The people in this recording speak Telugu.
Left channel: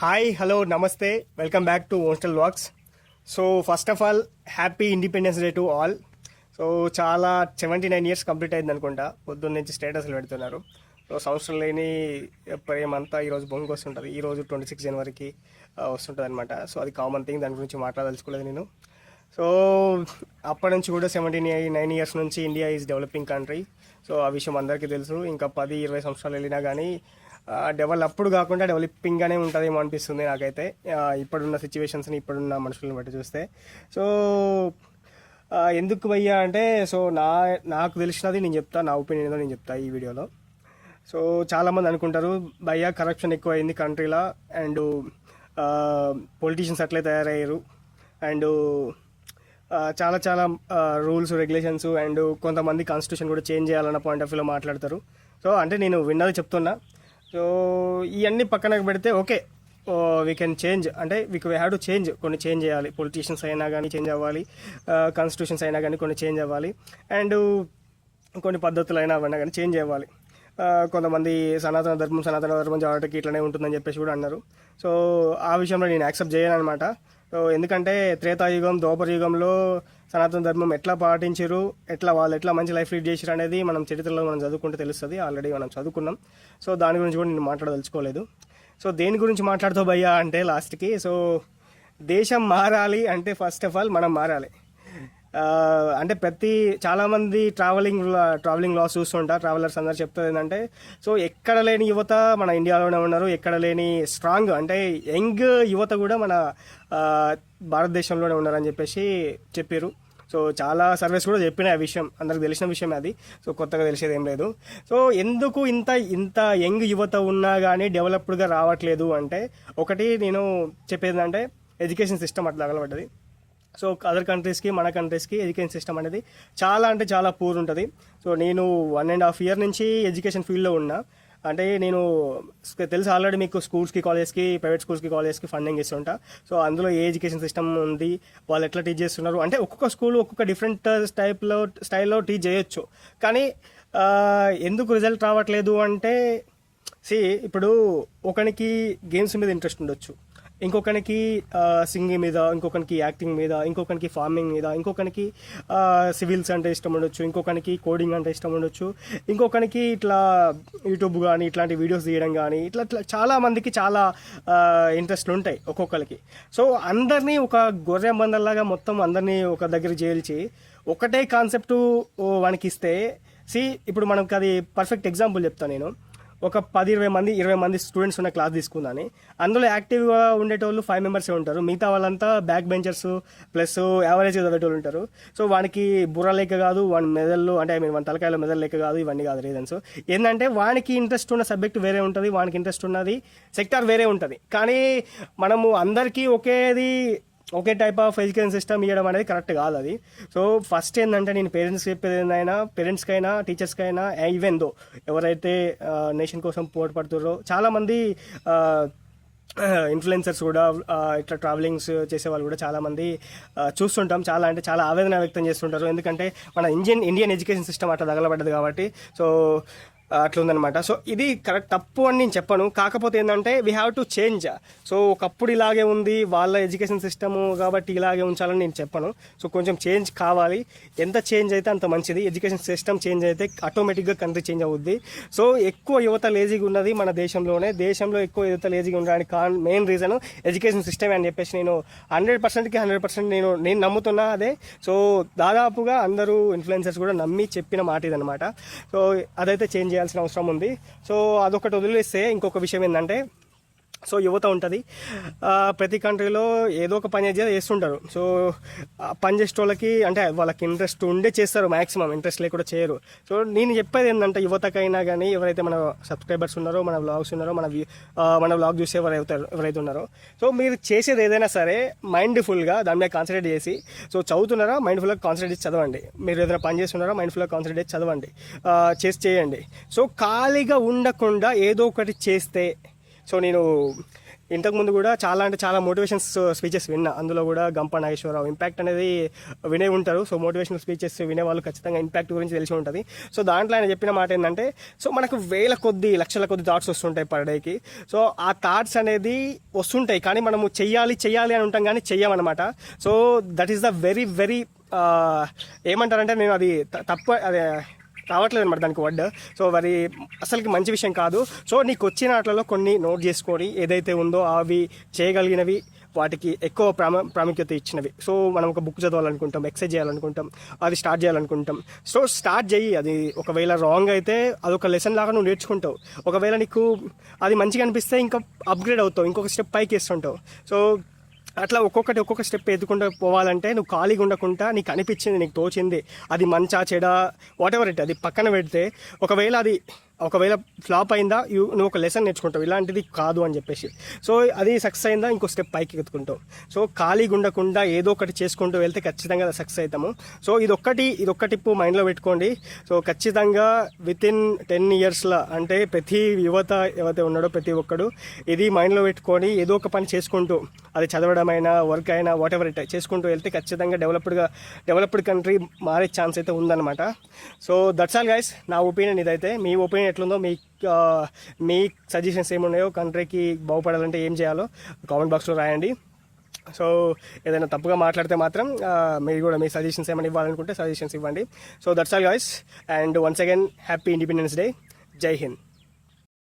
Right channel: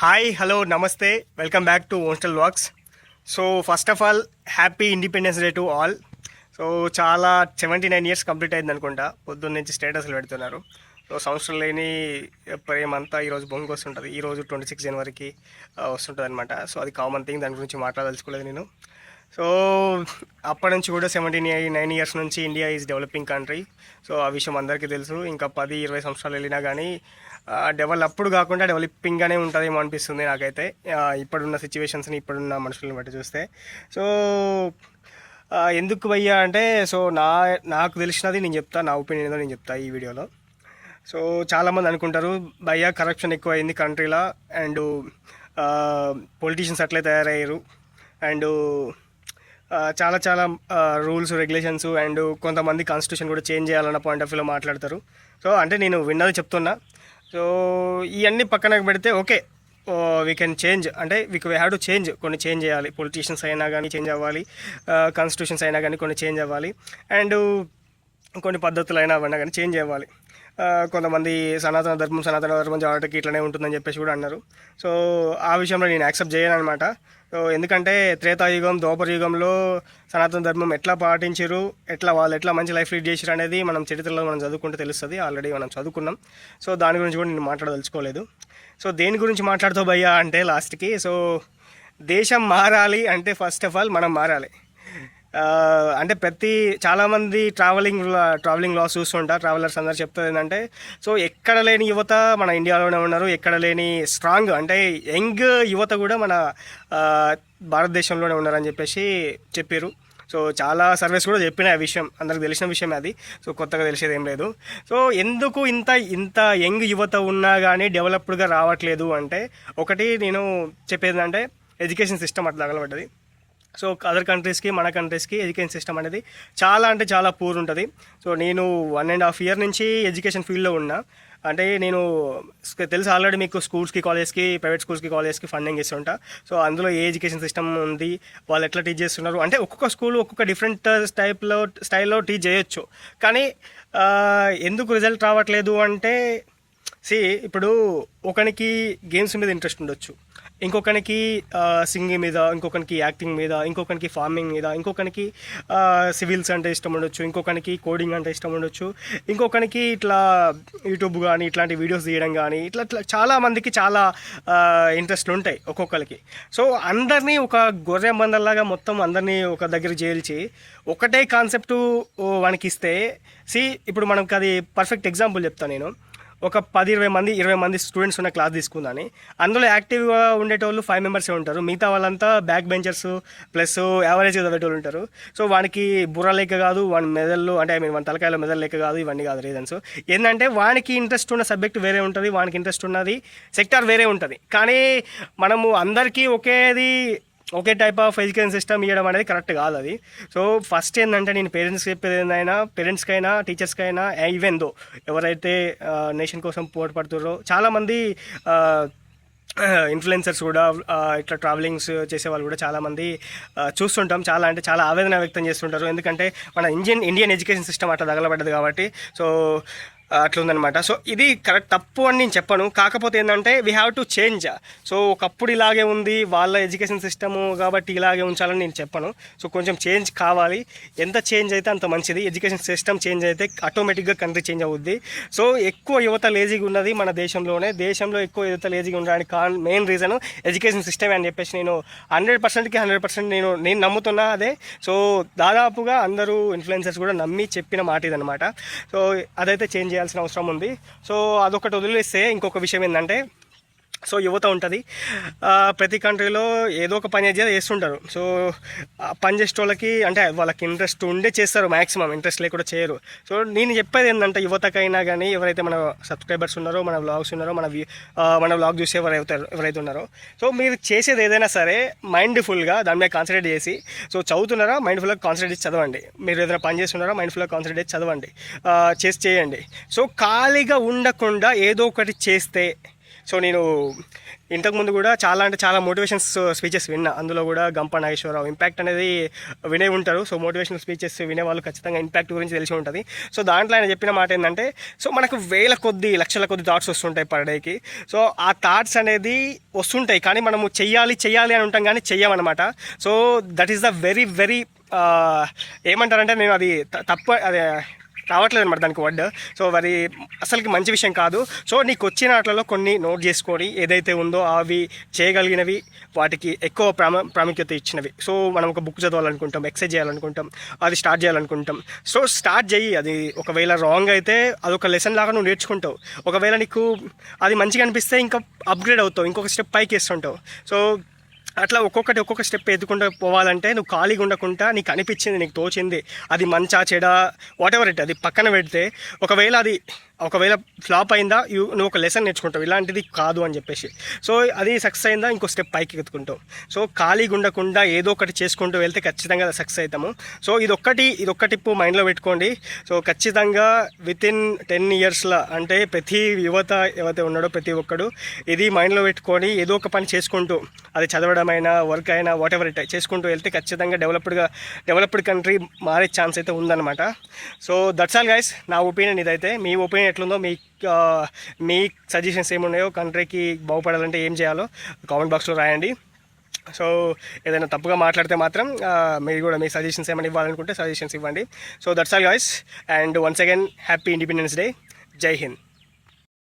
హాయ్ హలో నమస్తే welcome back to hostel vlogs. So first of all happy independence day to all. So చాలా 79 ఇయర్స్ కంప్లీట్ అయింది అనుకుంటా. పొద్దున్న నుంచి స్టేటస్లు పెడుతున్నారు. సో సంవత్సరం లేని ప్రేమంతా ఈరోజు బొంగు వస్తుంటుంది. ఈరోజు 26 జనవరికి వస్తుంటుంది అనమాట. సో అది కామన్ థింగ్, దాని గురించి మాట్లాడదలుచుకోలేదు నేను. సో అప్పటి నుంచి కూడా 79 ఇయర్స్ నుంచి India is developing country. So ఆ విషయం అందరికీ తెలుసు. ఇంకా 10-20 సంవత్సరాలు వెళ్ళినా కానీ డెవలప్డ్ కాకుండా డెవలపింగ్గానే ఉంటుందేమో అనిపిస్తుంది నాకైతే, ఇప్పుడున్న సిచ్యువేషన్స్ని, ఇప్పుడున్న మనుషులను బట్టి చూస్తే. సో ఎందుకు భయ్యా అంటే, సో నాకు తెలిసినది నేను చెప్తా, నా ఒపీనియన్ ఏదో నేను చెప్తా ఈ వీడియోలో. సో చాలామంది అనుకుంటారు భయ్యా కరప్షన్ ఎక్కువైంది కంట్రీలో, అండ్ పొలిటీషియన్స్ అట్లే తయారయ్యారు, అండ్ చాలా చాలా రూల్స్ రెగ్యులేషన్స్ అండ్ కొంతమంది కాన్స్టిట్యూషన్ కూడా చేంజ్ చేయాలన్న పాయింట్ ఆఫ్ వ్యూలో మాట్లాడతారు. సో అంటే నేను విన్నది చెప్తున్నా. సో ఇవన్నీ పక్కనకు పెడితే ఓకే, వీ కెన్ చేంజ్, అంటే వీ హ్యావ్ టు చేంజ్, కొన్ని చేంజ్ చేయాలి. పొలిటీషియన్స్ అయినా కానీ చేంజ్ అవ్వాలి, కాన్స్టిట్యూషన్స్ అయినా కానీ కొన్ని చేంజ్ అవ్వాలి, అండ్ కొన్ని పద్ధతులు అయినా అవన్నా కానీ చేంజ్ అవ్వాలి. కొంతమంది సనాతన ధర్మం చావటకి ఇట్లనే ఉంటుందని చెప్పేసి కూడా అన్నారు. సో ఆ విషయంలో నేను యాక్సెప్ట్ చేయను అనమాట. ఎందుకంటే త్రేతాయుగం, ద్వాపర యుగంలో సనాతన ధర్మం ఎట్లా పాటించారు, వాళ్ళు ఎట్లా మంచి లైఫ్ లీడ్ చేశారు అనేది మనం చరిత్రలో మనం చదువుకుంటే తెలుస్తుంది. ఆల్రెడీ మనం చదువుకున్నాం. సో దాని గురించి కూడా నేను మాట్లాడదలుచుకోలేదు. సో దేని గురించి మాట్లాడుతావు భయ్యా అంటే లాస్ట్కి, సో దేశం మారాలి అంటే ఫస్ట్ ఆఫ్ ఆల్ మనం మారాలి. అంటే చాలామంది ట్రావెలింగ్ లాస్ చూస్తుంటారు. ట్రావెలర్స్ అందరు చెప్తుంది ఏంటంటే, సో ఎక్కడ లేని యువత మన ఇండియాలోనే ఉన్నారు, ఎక్కడ లేని స్ట్రాంగ్ అంటే యంగ్ యువత కూడా మన భారతదేశంలోనే ఉన్నారని చెప్పేసి చెప్పారు. సో చాలా సర్వేస్ కూడా చెప్పిన విషయం, అందరికి తెలిసిన విషయం అది. సో కొత్తగా తెలిసేది ఏం లేదు. సో ఎందుకు ఇంత యంగ్ యువత ఉన్నా కానీ డెవలప్డ్గా రావట్లేదు అంటే, ఒకటి నేను చెప్పేది అంటే ఎడ్యుకేషన్ సిస్టమ్ అట్లా తగలబడ్డది. సో అదర్ కంట్రీస్కి మన కంట్రీస్కి ఎడ్యుకేషన్ సిస్టమ్ అనేది చాలా అంటే చాలా పూర్ ఉంటుంది. సో నేను 1.5 year నుంచి ఎడ్యుకేషన్ ఫీల్డ్లో ఉన్నా. అంటే నేను తెలుసు ఆల్రెడీ మీకు స్కూల్స్కి, కాలేజ్కి, ప్రైవేట్ స్కూల్స్కి, కాలేజ్కి ఫండింగ్ ఇస్తుంటా. సో అందులో ఏ ఎడ్యుకేషన్ సిస్టమ్ ఉంది, వాళ్ళు ఎట్లా టీచ్ చేస్తున్నారు అంటే ఒక్కొక్క స్కూల్ ఒక్కొక్క డిఫరెంట్ స్టైల్లో టీచ్ చేయొచ్చు. కానీ ఎందుకు రిజల్ట్ రావట్లేదు అంటే, ఇప్పుడు ఒకనికి గేమ్స్ మీద ఇంట్రెస్ట్ ఉండొచ్చు, ఇంకొకరికి సింగింగ్ మీద, ఇంకొకరికి యాక్టింగ్ మీద, ఇంకొకరికి ఫార్మింగ్ మీద, ఇంకొకరికి సివిల్స్ అంటే ఇష్టం ఉండొచ్చు, ఇంకొకరికి కోడింగ్ అంటే ఇష్టం ఉండొచ్చు, ఇంకొకరికి ఇట్లా యూట్యూబ్ కానీ ఇట్లాంటి వీడియోస్ తీయడం కానీ ఇట్లా చాలా మందికి చాలా ఇంట్రెస్ట్లు ఉంటాయి ఒక్కొక్కరికి. సో అందరినీ ఒక గొర్రె మందల్లాగా మొత్తం అందరినీ ఒక దగ్గర చేల్చి ఒకటే కాన్సెప్ట్ వానికి ఇస్తే, ఇప్పుడు మనకి అది పర్ఫెక్ట్ ఎగ్జాంపుల్ చెప్తాను నేను. ఒక 10-20 మంది స్టూడెంట్స్ ఉన్న క్లాస్ తీసుకుందని, అందులో యాక్టివ్గా ఉండేటోళ్ళు 5 members ఉంటారు. మిగతా వాళ్ళంతా బ్యాక్ బెంచర్స్ ప్లస్ యావరేజ్ చదివేటోళ్ళు ఉంటారు. సో వానికి బుర్ర లేక కాదు, వాడి మెదళ్ళు అంటే మన తలకాయలో మెదళ్ళు లేక కాదు, ఇవన్నీ కాదు రీజన్స్. ఏంటంటే వానికి ఇంట్రెస్ట్ ఉన్న సబ్జెక్ట్ వేరే ఉంటుంది, వానికి ఇంట్రెస్ట్ ఉన్నది సెక్టార్ వేరే ఉంటుంది. కానీ మనము అందరికీ ఒకే టైప్ ఆఫ్ ఎడ్యుకేషన్ సిస్టమ్ ఇవ్వడం అనేది కరెక్ట్ కాదు అది. సో ఫస్ట్ ఏంటంటే నేను పేరెంట్స్కి చెప్పేది ఏంటైనా, పేరెంట్స్కైనా టీచర్స్కైనా, ఈవెన్ దో ఎవరైతే నేషన్ కోసం పోరాడుతున్నారో చాలామంది ఇన్ఫ్లుయెన్సర్స్ కూడా, ఇట్లా ట్రావెలింగ్స్ చేసే వాళ్ళు కూడా చాలామంది చూస్తుంటాం. చాలా అంటే చాలా ఆవేదన వ్యక్తం చేస్తుంటారు. ఎందుకంటే మన ఇండియన్ ఎడ్యుకేషన్ సిస్టమ్ అట్లా తగలబడ్డది కాబట్టి. సో అట్లుందనమాట. సో ఇది కరెక్ట్, తప్పు అని నేను చెప్పను. కాకపోతే ఏంటంటే we have to change. So ఒకప్పుడు ఇలాగే ఉంది వాళ్ళ ఎడ్యుకేషన్ సిస్టము కాబట్టి ఇలాగే ఉంచాలని నేను చెప్పను. సో కొంచెం చేంజ్ కావాలి. ఎంత చేంజ్ అయితే అంత మంచిది. ఎడ్యుకేషన్ సిస్టమ్ చేంజ్ అయితే ఆటోమేటిక్గా కంట్రీ చేంజ్ అవుద్ది. సో ఎక్కువ యువత లేజీగా ఉన్నది మన దేశంలో ఎక్కువ యువత లేజీగా ఉండడానికి మెయిన్ రీజన్ ఎడ్యుకేషన్ సిస్టమ్ అని చెప్పేసి నేను 100% నేను నమ్ముతున్నా అదే. సో దాదాపుగా అందరూ ఇన్ఫ్లుయెన్సర్స్ కూడా నమ్మి చెప్పిన మాట ఇదనమాట. సో అదైతే చేంజ్ చేయాల్సిన అవసరం ఉంది. సో అదొకటి వదిలేస్తే ఇంకొక విషయం ఏంటంటే, సో యువత ఉంటుంది ప్రతి కంట్రీలో ఏదో ఒక పని చేస్తుంటారు. సో పని చేసే వాళ్ళకి అంటే వాళ్ళకి ఇంట్రెస్ట్ ఉండే చేస్తారు, మ్యాక్సిమం ఇంట్రెస్ట్ లేకుండా చేయరు. సో నేను చెప్పేది ఏంటంటే యువతకైనా కానీ, ఎవరైతే మన సబ్స్క్రైబర్స్ ఉన్నారో, మన వ్లాగ్స్ ఉన్నారో, మన వ్లాగ్ చూసి ఎవరైతే ఉన్నారో, సో మీరు చేసేది ఏదైనా సరే మైండ్ఫుల్గా దాని మీద కాన్సన్ట్రేట్ చేసి, సో చదువుతున్నారా మైండ్ఫుల్గా కాన్సన్ట్రేట్ చేసి చదవండి. మీరు ఏదైనా పని చేస్తున్నారా మైండ్ఫుల్గా కాన్సన్ట్రేట్ చేసి చదవండి, చేయండి. సో ఖాళీగా ఉండకుండా ఏదో ఒకటి చేస్తే, సో నేను ఇంతకుముందు కూడా చాలా అంటే చాలా మోటివేషన్స్ స్పీచెస్ విన్నా. అందులో కూడా గంప నాగేశ్వరరావు ఇంపాక్ట్ అనేది వినే ఉంటారు. సో మోటివేషనల్ స్పీచెస్ వినే వాళ్ళు ఖచ్చితంగా ఇంపాక్ట్ గురించి తెలిసి ఉంటుంది. సో దాంట్లో ఆయన చెప్పిన మాట ఏంటంటే, సో మనకు వేల కొద్ది లక్షల కొద్ది థాట్స్ వస్తుంటాయి పర్ డేకి. సో ఆ థాట్స్ అనేది వస్తుంటాయి, కానీ మనము చెయ్యాలి అని ఉంటాం కానీ చెయ్యమన్నమాట. So that is the very very ఏమంటారంటే, నేను అది అదే రావట్లేదు అనమాట దానికి వర్డ్. సో మరి అసలుకి మంచి విషయం కాదు. సో నీకు వచ్చిన వాటిలో కొన్ని నోట్ చేసుకొని ఏదైతే ఉందో అవి చేయగలిగినవి, వాటికి ఎక్కువ ప్రాముఖ్యత ఇచ్చినవి. సో మనం ఒక బుక్ చదవాలనుకుంటాం, ఎక్సర్సైజ్ చేయాలనుకుంటాం, అది స్టార్ట్ చేయాలనుకుంటాం. సో స్టార్ట్ చేయి. అది ఒకవేళ రాంగ్ అయితే అదొక లెసన్ లాగా నువ్వు నేర్చుకుంటావు. ఒకవేళ నీకు అది మంచిగా అనిపిస్తే ఇంకా అప్గ్రేడ్ అవుతావు, ఇంకొక స్టెప్ పైకి వేస్తుంటావు. సో అట్లా ఒక్కొక్క స్టెప్ ఎత్తుకుంటూ పోవాలంటే నువ్వు ఖాళీగా ఉండకుండా నీకు అనిపించింది, నీకు తోచింది, అది మంచా చెడా వాట్ ఎవర్ ఇట్, అది పక్కన పెడితే ఒకవేళ ఫ్లాప్ అయిందా నువ్వు ఒక లెసన్ నేర్చుకుంటావు, ఇలాంటిది కాదు అని చెప్పేసి. సో అది సక్సెస్ అయిందా ఇంకో స్టెప్ పైకి ఎత్తుకుంటావు. సో ఖాళీగా ఉండకుండా ఏదో ఒకటి చేసుకుంటూ వెళ్తే ఖచ్చితంగా సక్సెస్ అవుతాము. సో ఇదొక్క టిప్పు మైండ్లో పెట్టుకోండి. సో ఖచ్చితంగా వితిన్ 10 yearsలో, అంటే ప్రతి యువత ఎవరైతే ఉన్నాడో ప్రతి ఒక్కడు ఇది మైండ్లో పెట్టుకొని ఏదో ఒక పని చేసుకుంటూ, అది చదవడం అయినా వర్క్ అయినా వాట్ ఎవర్ ఇట్ చేసుకుంటూ వెళ్తే ఖచ్చితంగా డెవలప్డ్ కంట్రీ మారే ఛాన్స్ అయితే ఉందన్నమాట. సో దట్స్ ఆల్ గైస్, నా ఒపీనియన్ ఇదైతే. మీ ఒపీనియన్ ఎట్లుందో, మీ సజెషన్స్ ఏమున్నాయో, కంట్రీకి బాగుపడాలంటే ఏం చేయాలో కామెంట్ బాక్స్లో రాయండి. సో ఏదైనా తప్పుగా మాట్లాడితే మాత్రం మీరు కూడా మీ సజెషన్స్ ఏమైనా ఇవ్వాలనుకుంటే సజెషన్స్ ఇవ్వండి. So that's all guys, and once again happy independence day. జై హింద్.